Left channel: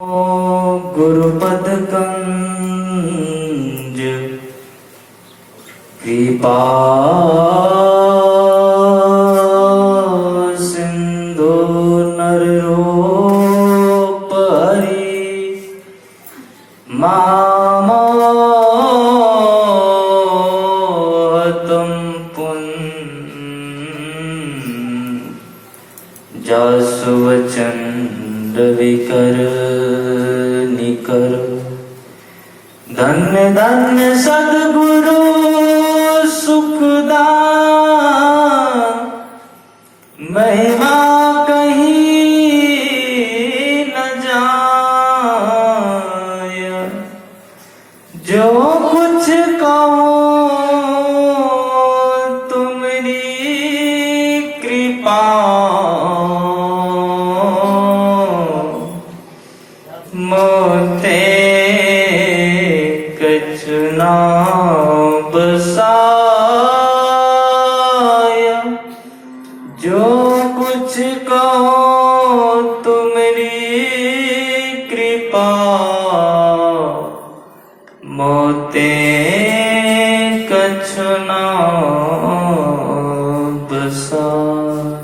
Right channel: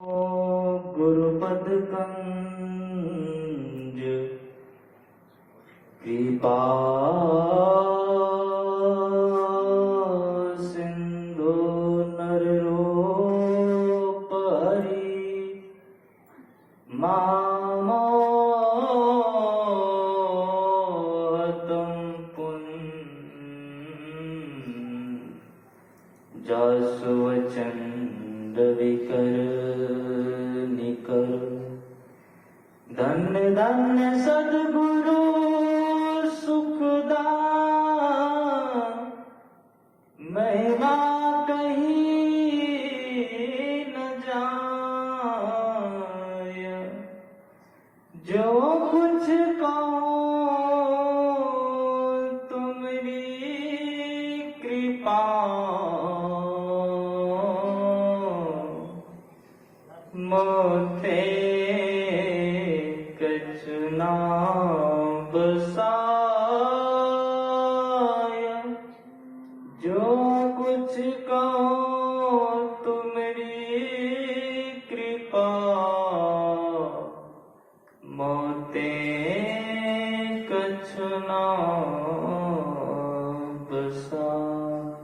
गुरुपद कंज कृपा सिंधु नररूप हरि मामोहतम पुण्य जासु वचन विकर निकर। धन्य धन्य सद्गुरु सुखदान महिमा कहीं न जाय। जो कुछ कहो तुम्हारी कृपा मोते कछुना बसाया। जो कुछ कहो तुम्हारी कृपा मोते कछुना बसाया।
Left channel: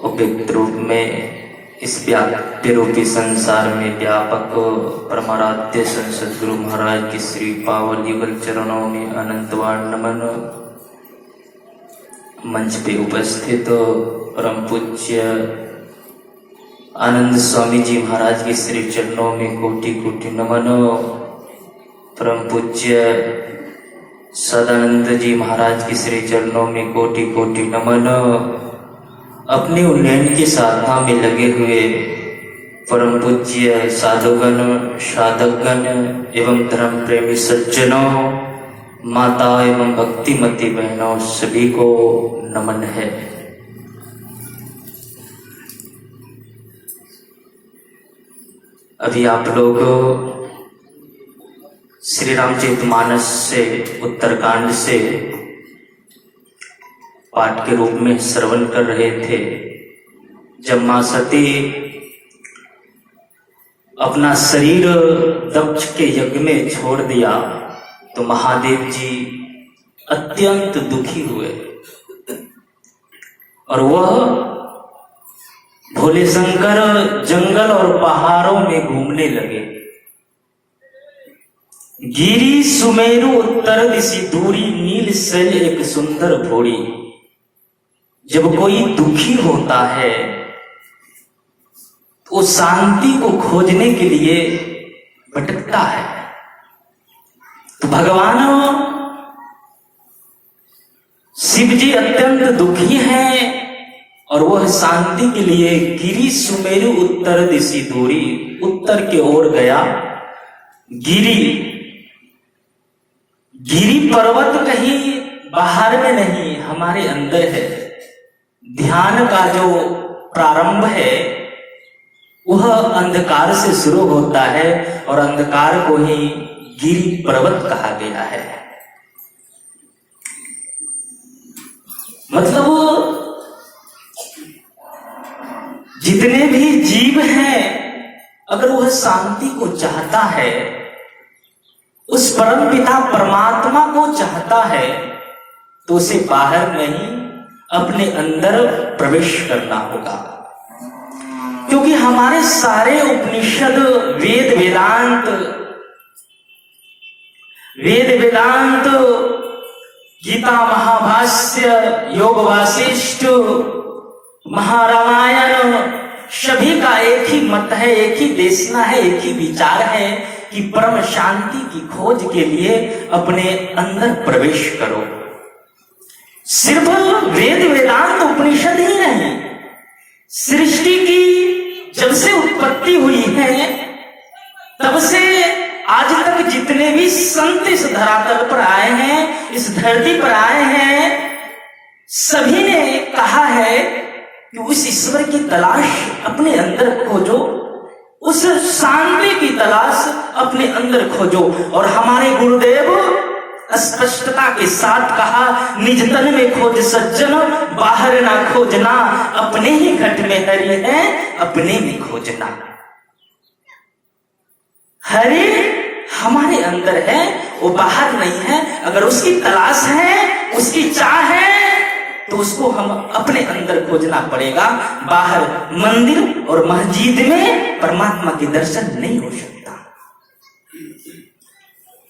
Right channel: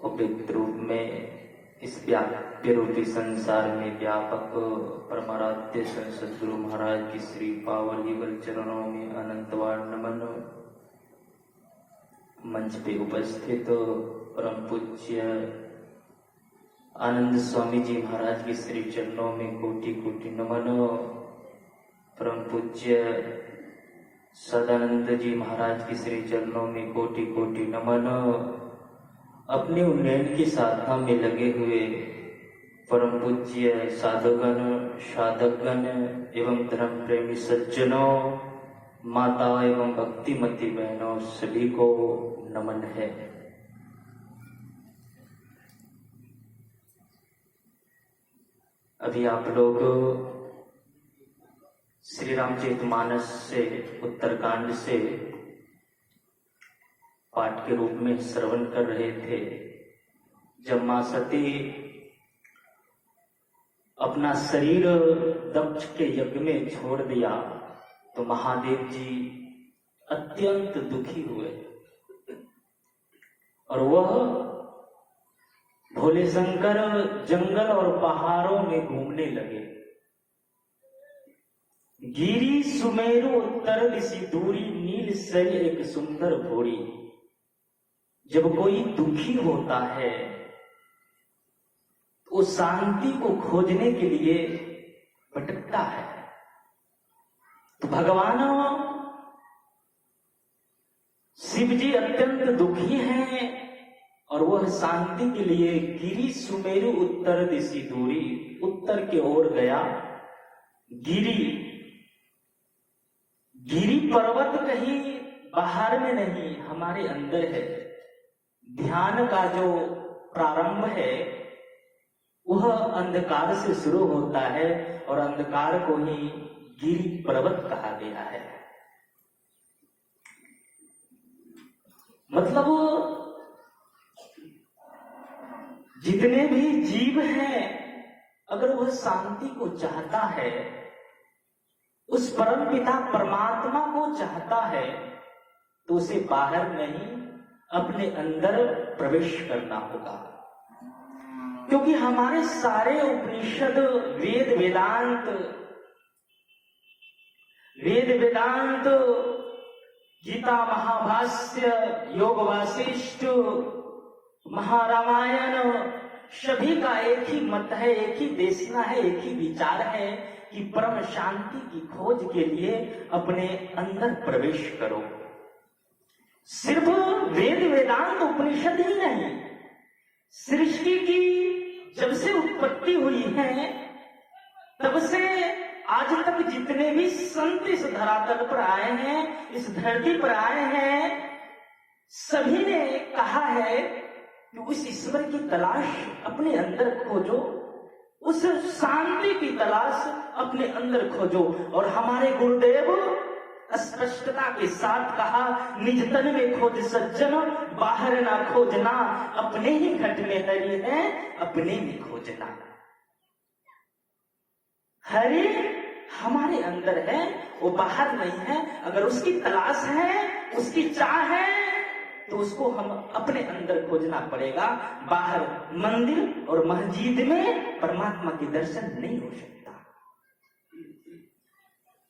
उपयुक्त रूप में इस व्याप्य रूपी संसार में व्यापक परमाराध्य संसद गुरु महाराज की श्री पावन युगल चरणों में अनंतवार नमन। मंच पे उपस्थित परम पूज्य आनंद स्वामी जी महाराज के श्री चरणों में कोटि कोटि नमन। परम पूज्य सदानंद जी महाराज के श्री चरणों में कोटि कोटि नमन। अपने उन्नयन की साधना में लगे हुए परम पूज्य साधुगण साधकगण एवं धर्म प्रेमी सज्जनों, माता एवं भक्तिमती बहनों, सभी को नमन है। अभी आप लोग श्री रामचरितमानस से उत्तरकांड से पाठ के रूप में श्रवण कर रहे थे। जब मां सती अपना शरीर दक्ष के यज्ञ में छोड़ दिया तो महादेव जी अत्यंत दुखी हुए और वह भोले शंकर जंगल और पहाड़ों में घूमने लगे। गिरी सुमेरु उत्तर दिशि दूरी नील शैल एक सुंदर भोरी। जब कोई दुखी होता है तो शांति को खोजने के लिए भटकता है। तो भगवान शिव जी अत्यंत दुखी हैं और वह शांति के लिए गिरी सुमेरु उत्तर दिशि दूरी, उत्तर की ओर गया। गिरी पर्वत कहीं बाहर में नहीं, हमारे अंदर है। ध्यान का जो प्रारंभ है वह अंधकार से शुरू होता है और अंधकार को ही गिरि पर्वत कहा गया है। मतलब जितने भी जीव हैं, अगर वह शांति को चाहता है, उस परम पिता परमात्मा को चाहता है, तो उसे बाहर नहीं अपने अंदर प्रवेश करना होगा। क्योंकि हमारे सारे उपनिषद वेद वेदांत गीता महाभाष्य योग वासिष्ठ महारामायण सभी का एक ही मत है, एक ही देशना है, एक ही विचार है कि परम शांति की खोज के लिए अपने अंदर प्रवेश करो। सिर्फ वेद वेदांत उपनिषद ही नहीं, सृष्टि की जब से उत्पत्ति हुई है तब से आज तक जितने भी संत इस धरातल पर आए हैं, इस धरती पर आए हैं, सभी ने कहा है कि उस ईश्वर की तलाश अपने अंदर खोजो, उस शांति की तलाश अपने अंदर खोजो। और हमारे गुरुदेव स्पष्टता के साथ कहा, निज तन में खोज सज्जन, बाहर ना खोजना, अपने ही घट में हरि है, अपने में खोजना। हरि हमारे अंदर है, वो बाहर नहीं है। अगर उसकी तलाश है, उसकी चाह है, तो उसको हम अपने अंदर खोजना पड़ेगा। बाहर मंदिर और मस्जिद में परमात्मा के दर्शन नहीं हो सकता।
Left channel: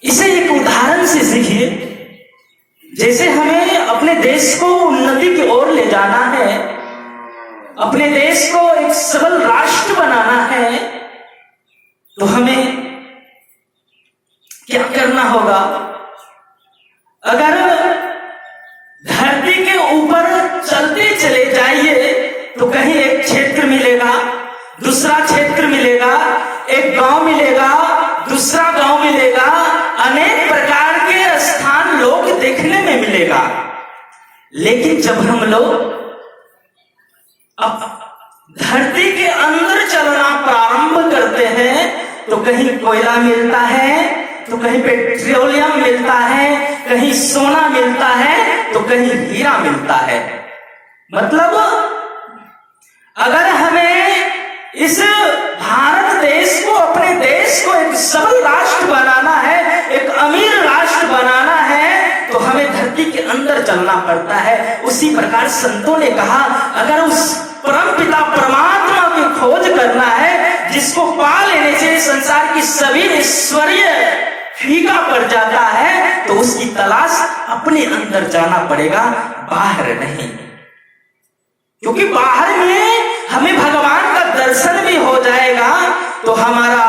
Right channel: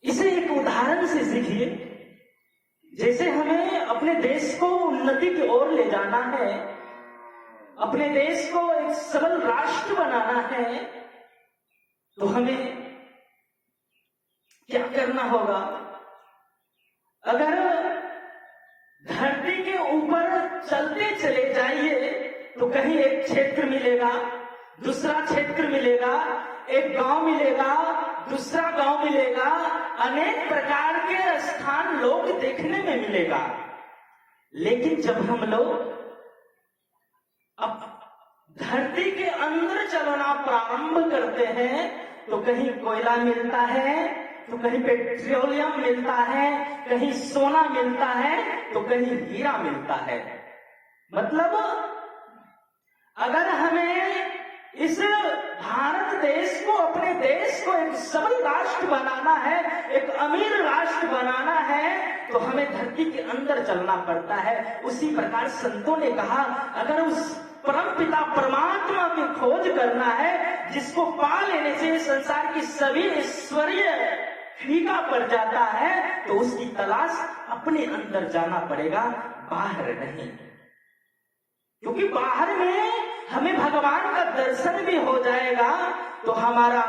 इसे एक उदाहरण से सीखिए। जैसे हमें अपने देश को उन्नति की ओर ले जाना है, अपने देश को एक सबल राष्ट्र बनाना है, तो हमें क्या करना होगा? अगर धरती के ऊपर चलते चले जाइए तो कहीं एक क्षेत्र मिलेगा, दूसरा क्षेत्र मिलेगा, एक गांव मिलेगा, दूसरा गांव मिलेगा, अनेक प्रकार के स्थान लोग देखने में मिलेगा। लेकिन जब हम लोग अब धरती के अंदर चलना प्रारंभ करते हैं तो कहीं कोयला मिलता है, तो कहीं पेट्रोलियम मिलता है, कहीं सोना मिलता है, तो कहीं हीरा मिलता है। मतलब अगर हमें इस भारत देश को, अपने देश को एक सबल राष्ट्र बनाना है, एक अमीर राष्ट्र बनाना है, तो हमें धरती के अंदर चलना पड़ता है। उसी प्रकार संतों ने कहा, अगर उस परमपिता परमात्मा की खोज करना है, जिसको पा लेने से संसार की सभी ऐश्वर्य फीका पड़ जाता है, तो उसकी तलाश अपने अंदर जाना पड़ेगा, बाहर नहीं। क्योंकि बाहर में हमें भगवान का दर्शन भी हो जाएगा तो हमारा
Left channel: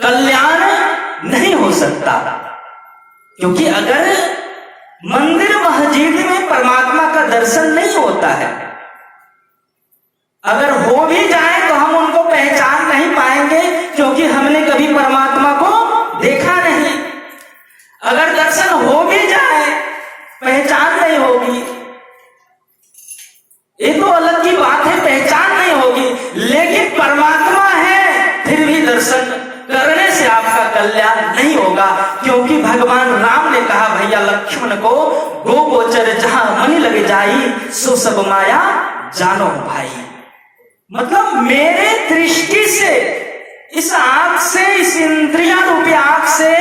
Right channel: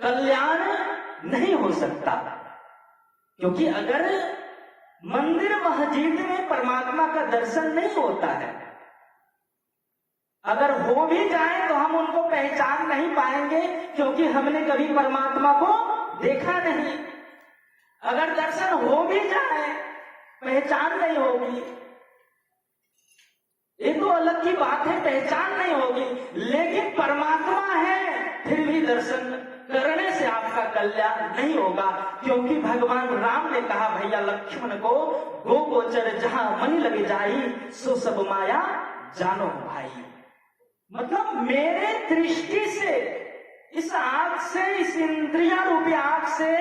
कल्याण नहीं हो सकता। क्योंकि अगर मंदिर मस्जिद में परमात्मा का दर्शन नहीं होता है, अगर हो भी जाए तो हम उनको पहचान नहीं पाएंगे, क्योंकि हमने कभी परमात्मा को देखा नहीं। अगर दर्शन हो भी जाए, पहचान नहीं होगी, ये तो अलग की बात है, पहचान नहीं होगी। लेकिन परमात्मा है, फिर भी दर्शन करने से आपका कल्याण नहीं होगा। क्योंकि भगवान राम ने कहा, भैया लक्ष्मण को, गो गोचर जहां मन लग जाई, सो सब माया जानो भाई। मतलब मेरे दृष्टि से, इस आंख से, इस इंद्रिया रूपी आंख से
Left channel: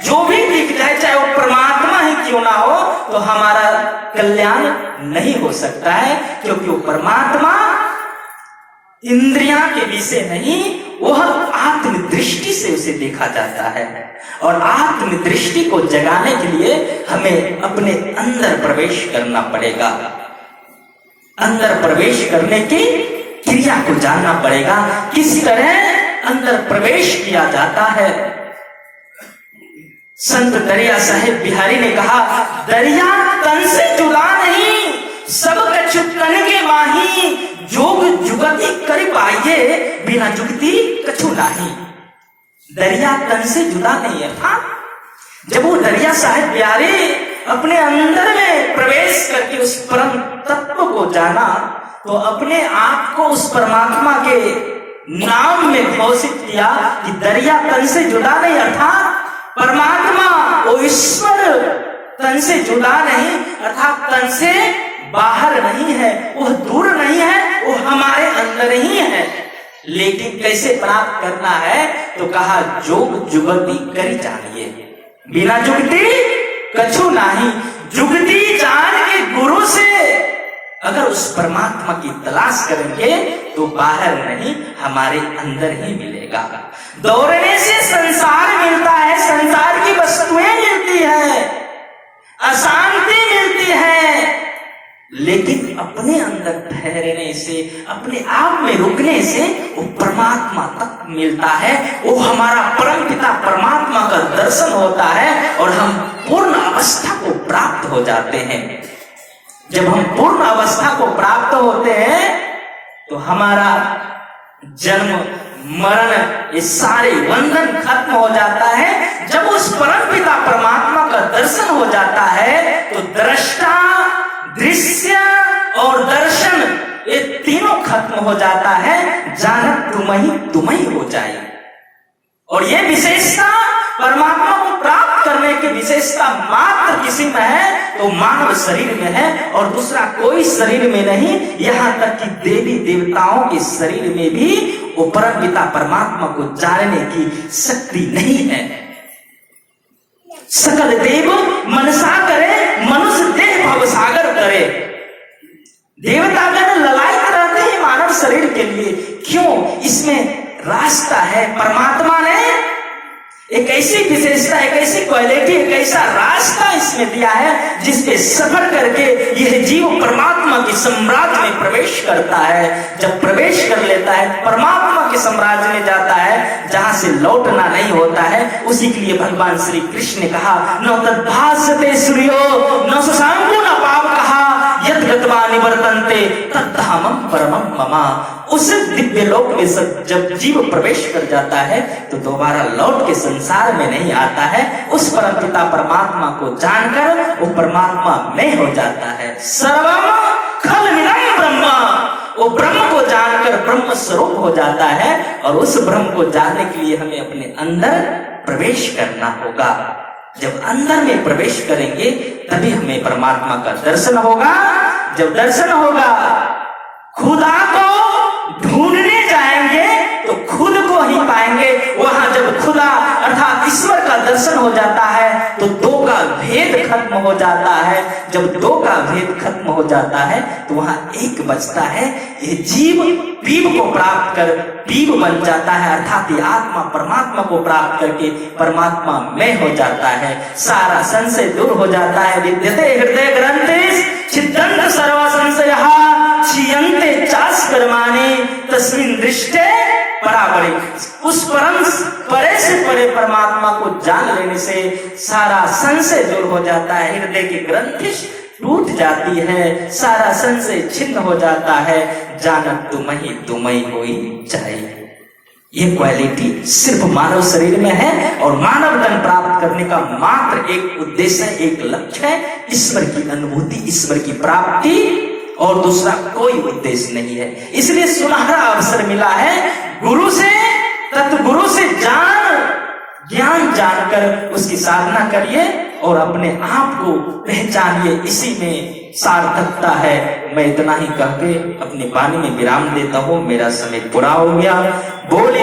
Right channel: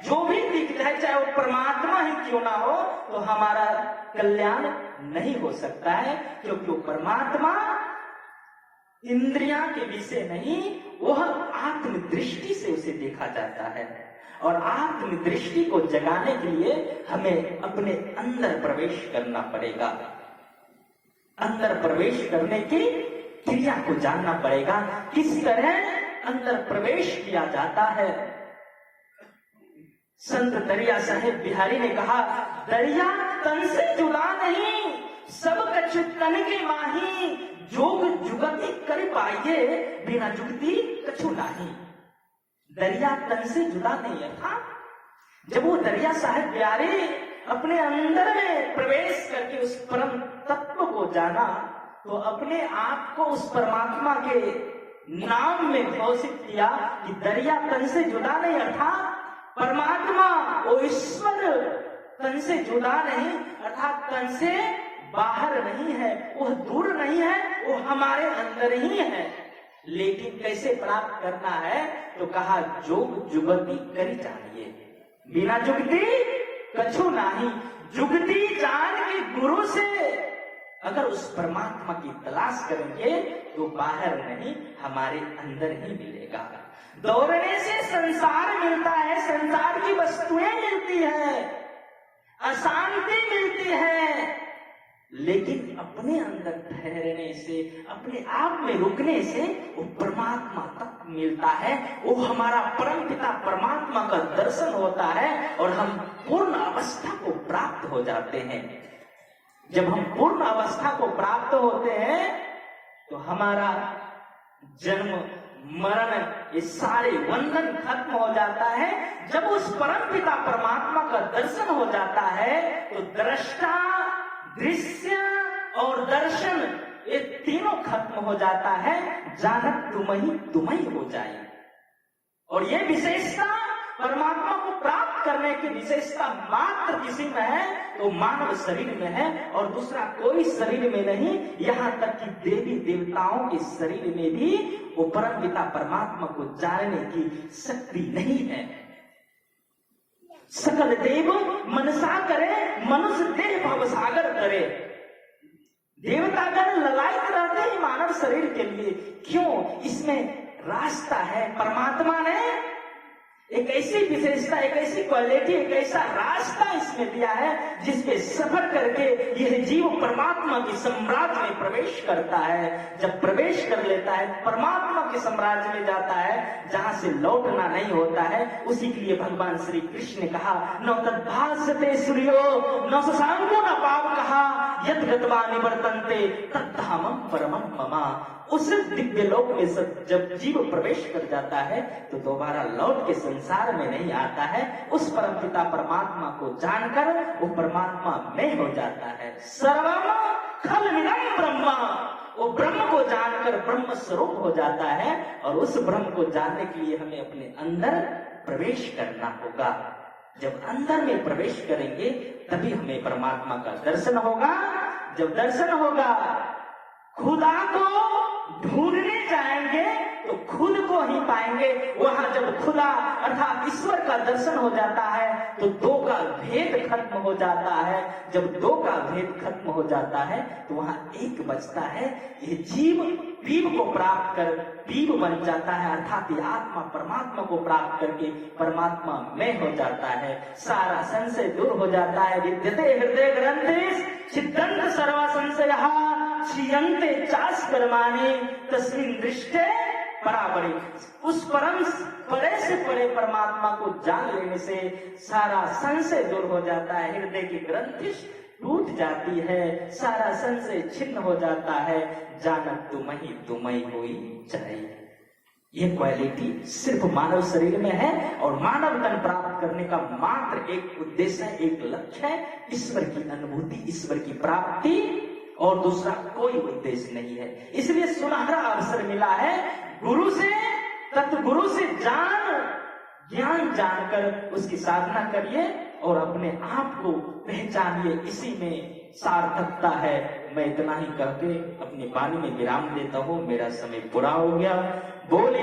जो भी दिख जाए, चाहे वो परमात्मा ही क्यों ना हो, तो हमारा कल्याण नहीं हो सकता है। क्योंकि वो परमात्मा इंद्रिया के विषय नहीं, वह आत्म दृष्टि से उसे देखा जाता है। और आत्म दृष्टि को जगाने के लिए हमें अपने अंदर प्रवेश करना पड़ेगा। अंदर प्रवेश करने की क्रिया को जानना पड़ेगा, किस तरह अंदर प्रवेश किया जाता है। संत दरिया साहेब बिहारी ने कहा, दरिया तन से जुदा नहीं, सब कछु तन के माही, जोग जुगति कर पाइए, बिना जुगति कछु नहीं। दरिया तन से जुदा नहीं है। हाँ, जब वो दरिया साहेब बिहारी अपने अंदर में प्रवेश करके उस परम तत्व को जाना, तो अपने आप को उस परमात्मा के नाम में घोषित किया कि दरिया तन से जुदा नहीं, अर्थात परमात्मा वो ईश्वर तन से जुदा नहीं, अर्थात तन से बाहर नहीं है, वो दूर नहीं है, वो हमारे अंदर ही है। लेकिन कैसे प्राप्त करना है? तो कहा, जोग जुगति करी जानिए, बिना जुगति कछु नहीं। जुगति जान के गुरु से अगर उस परमात्मा की तलाश करेंगे तो बाहर नहीं, हमारे अंदर ही मिलेगा। दौड़ने से संसार मिलता है, संसार की वस्तुएं मिलती है, अशांति मिलती है, लेकिन अपने अंदर ठहरने से, अपने आप में रुकने से वो परमात्मा तक मिलता है। वो हमारा परमपिता परमात्मा का दर्शन होता है और हम पूर्ण अवस्था को प्राप्त हो जाते हैं। जब हम पूर्ण अवस्था को प्राप्त होते हैं तो हमारा जन्म मरण ये सारे बंधन खत्म हो जाता है। जब उस परमपिता परमात्मा का दर्शन हो जाता है तो दृष्टा, दृश्य और दर्शन ये तीनों खत्म हो जाता है। जानत तुम ही हो जाए। और ये विशेषता परमात्मा को प्राप्त करने की विशेषता मात्र किसी में है तो मानव शरीर में है, और दूसरा कोई शरीर में नहीं। यहाँ तक कि देवी देवताओं के शरीर में भी वो परम पिता परमात्मा को जानने की शक्ति नहीं है। सकल देव मनसा करे, मनुष्य देह भवसागर करे। देवतागण ललायत रहते हैं मानव शरीर के लिए, क्यों? इसमें रास्ता है। परमात्मा ने एक ऐसी विशेषता, एक ऐसी क्वालिटी, एक ऐसा रास्ता इसमें दिया है जिसपे सफर करके यह जीव परमात्मा के साम्राज्य में प्रवेश करता है। जब प्रवेश कर लेता है परमात्मा के साम्राज्य में जाता है, जहां से लौटना नहीं होता है। उसी के लिए भगवान श्री कृष्ण ने कहा, न तद्भासते सूर्यो न शशांको न पाप कहा, यद गत्वा निवर्तन्ते तद्धामम परमम ममा। उस दिव्य लोक में जब जीव प्रवेश कर जाता है तो दोबारा लौट के संसार में नहीं आता है। उस परम पिता परमात्मा को जानकर वो परमात्मा में हो जाता है। सर्वम खलमिदं ब्रह्म, वो ब्रह्म को जानकर ब्रह्म स्वरूप हो जाता है। और उस ब्रह्म को जानने के लिए हमें अपने अंदर प्रवेश करना होगा। जब अंदर में प्रवेश करेंगे तभी हमें परमात्मा का दर्शन होगा। जब दर्शन होगा, खुदा को ढूंढने जाएंगे तो खुद को ही पाएंगे। वहां जब खुदा अर्थात ईश्वर का दर्शन हो जाता है तो दो का भेद खत्म हो जाता है। जब दो का भेद खत्म हो जाता है तो वहां एक बचता है। ये जीव पीव को प्राप्त कर पीव बन जाता है, अर्थात ये आत्मा परमात्मा को प्राप्त करके परमात्मा में हो जाता है। सारा संशय दूर हो जाता है। विद्यते हृदय ग्रंथिस छिद्दन्त सर्व संशयः क्षीयन्ते चास कर्माणि तस्मिन् दृष्टे परापरे। उस परम परे से परे परमात्मा को जान लेने से सारा संशय दूर हो जाता है। हृदय की ग्रंथि टूट जाती है, सारा संशय छिन्न हो जाता है। जानत तुमहि होई जाए। ये क्वालिटी सिर्फ मानव शरीर में है और मानव धन प्राप्त करने का मात्र एक उद्देश्य है, एक लक्ष्य है, ईश्वर की अनुभूति, ईश्वर की प्राप्ति, और दूसरा कोई उद्देश्य नहीं है। इसलिए सुनहरा अवसर मिला है गुरु से, तत्गुरु से ज्ञान जानकर उसकी साधना करिए और अपने आप को पहचानिए। इसी में सार्थकता है। मैं इतना ही कह के अपनी वाणी में विराम देता हूँ। मेरा समय पूरा हो गया। बोले